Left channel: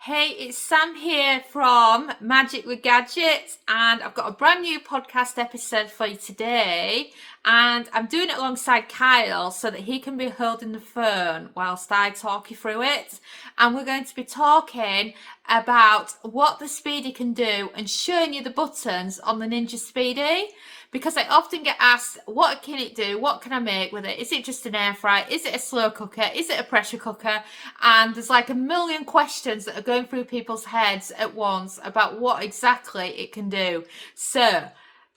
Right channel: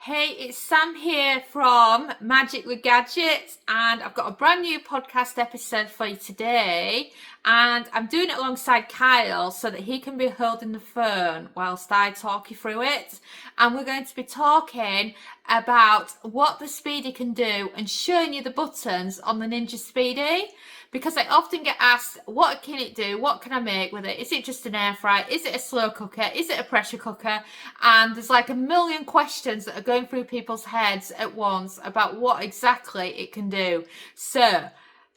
Hey, it's Sam here from Magic with Gadget, and I've got a brand new podcast episode for you today. And I'm doing it alongside Kyle so that he can be holding the phone whilst I talk you through it. And we're going to be talking about what the Speedi can do and showing you the buttons on the Ninja Speedi. Because I often get asked, what can it do? What can I make with it? Is it just an air fryer? Is it a slow cooker? Is it a pressure cooker? And there's like a million questions that are going through people's heads at once about what exactly it can do. So,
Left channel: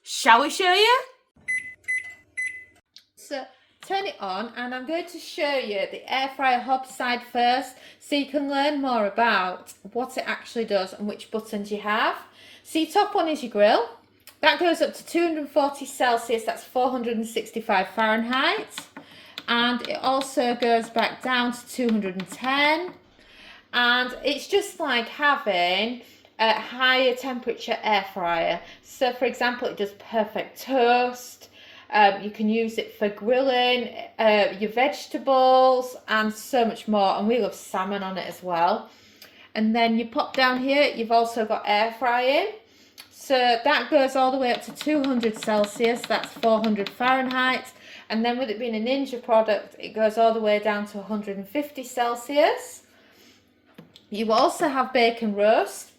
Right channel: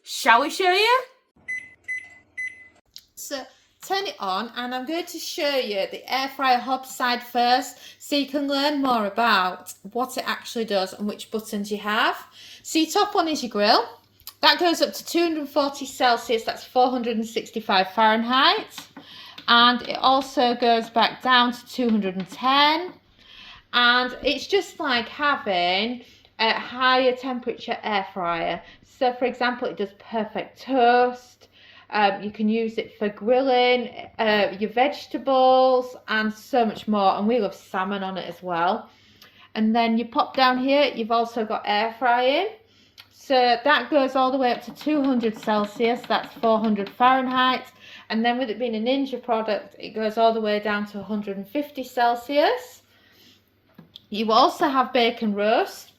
shall we show you? So, turn it on, and I'm going to show you the air fryer hob side first so you can learn more about what it actually does and which buttons you have. So your top one is your grill. That goes up to 240 Celsius, that's 465 Fahrenheit. And it also goes back down to 210. And it's just like having a higher temperature air fryer. So for example, it does perfect toast. You can use it for grilling your vegetables and so much more. And we love salmon on it as well. And then you pop down here, you've also got air frying. So that goes all the way up to 200 Celsius, that's 400 Fahrenheit. And then with it being a Ninja product, it goes all the way down to 150 Celsius. You also have bacon roast.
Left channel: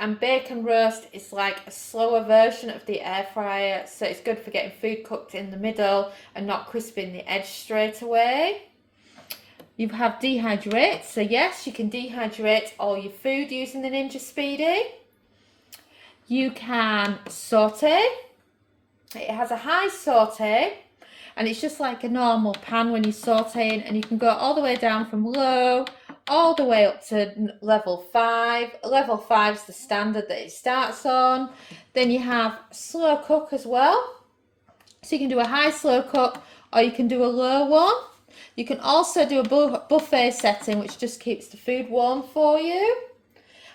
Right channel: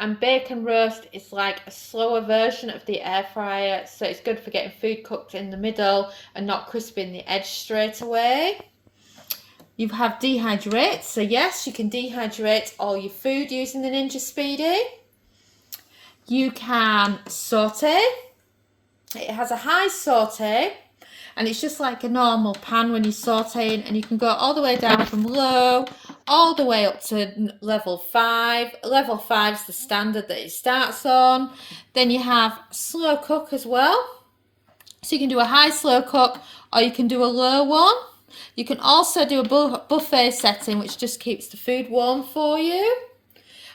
And bacon roast is like a slower version of the air fryer. So it's good for getting food cooked in the middle and not crisping the edge straight away. You have dehydrate. So yes, you can dehydrate all your food using the Ninja Speedi. You can saute. It has a high saute, and it's just like a normal pan when you're sauteing, and you can go all the way down from low all the way up to level 5. Level 5 is the standard that it starts on. Then you have slow cook as well. So you can do a high slow cook, or you can do a low one. You can also do a buffet setting, which just keeps the food warm for you.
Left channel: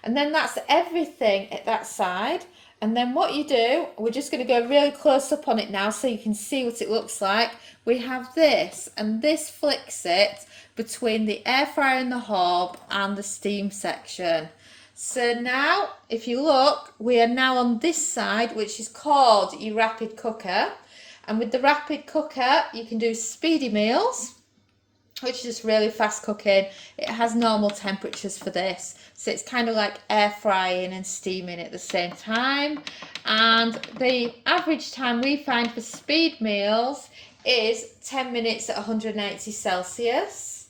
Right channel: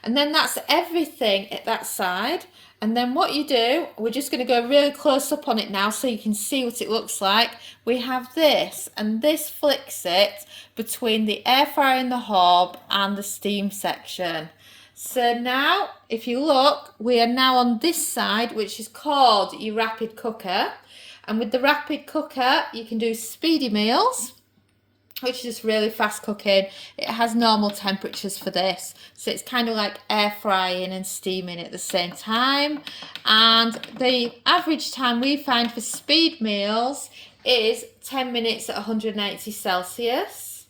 And then that's everything at that side. And then what you do, we're just going to go really close up on it now so you can see what it looks like. We have this, and this flicks it between the air fryer and the hob and the steam section. So now, if you look, we are now on this side, which is called your rapid cooker. And with the rapid cooker, you can do Speedi meals, which is just really fast cooking. It has normal temperatures for this, so it's kind of like air frying and steaming at the same time. And the average time we find for speed meals is 10 minutes at 180 Celsius.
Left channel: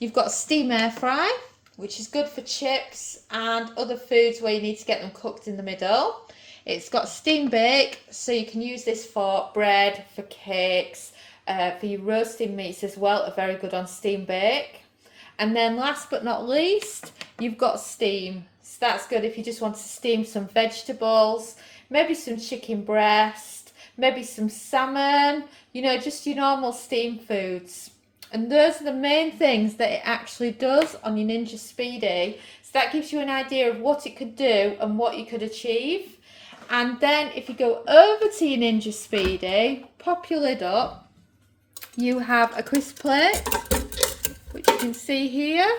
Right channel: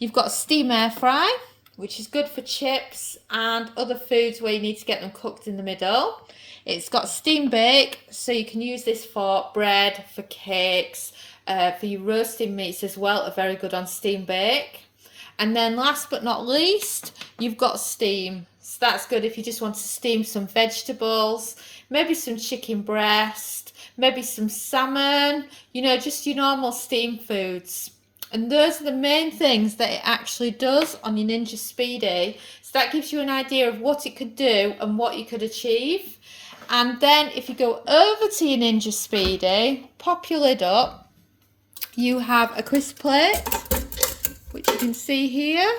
You've got steam air fry, which is good for chips and other foods where you need to get them cooked in the middle. It's got steam bake, so you can use this for bread, for cakes, for your roasting meats as well, are very good on steam bake. And then last but not least, you've got steam. So that's good if you just want to steam some vegetables, maybe some chicken breast, maybe some salmon, just your normal steam foods. And those are the main things that it actually does on your Ninja Speedi. So that gives you an idea of what it could do and what you could achieve. And then if you go over to your Ninja Speedi, pop your lid up, you have a crisp plate, which you can see here.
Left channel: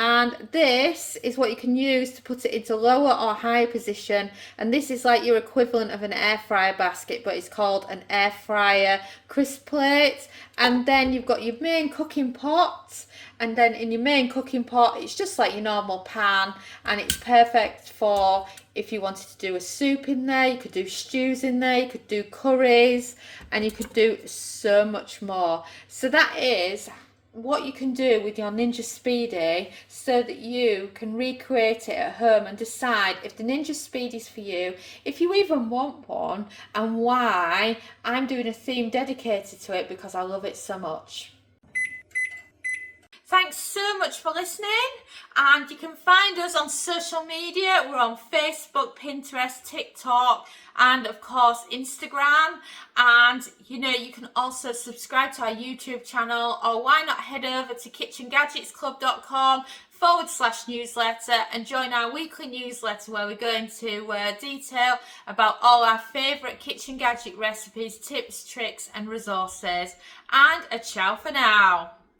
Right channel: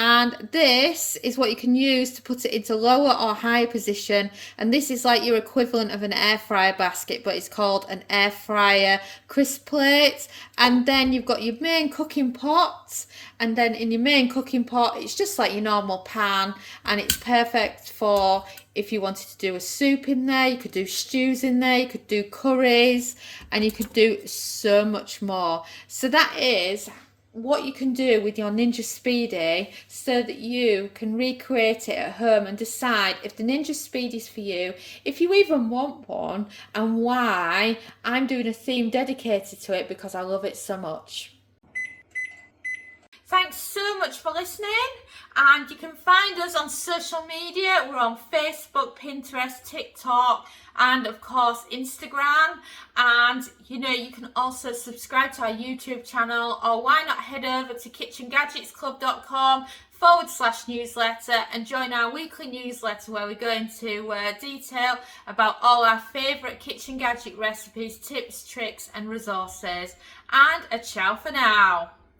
And this is what you can use to put it into lower or higher position. And this is like your equivalent of an air fryer basket, but it's called an air fryer crisp plate. And then you've got your main cooking pot. And then in your main cooking pot, it's just like your normal pan. And it's perfect for if you wanted to do a soup in there, you could do stews in there, you could do curries, and you could do so much more. So that is what you can do with your Ninja Speedi so that you can recreate it at home and decide if the Ninja Speedi is for you, if you even want one, and why. I'm doing a theme dedicated to it because I love it so much. Thanks so much for listening, and you can find us on social media. We're on Facebook, Pinterest, TikTok, and of course Instagram. And you can also subscribe to our YouTube channel, or why not head over to kitchengadgetsclub.com/newsletter and join our weekly newsletter where we go into detail about all our favourite kitchen gadget recipes, tips, tricks and resources. And a ciao for now.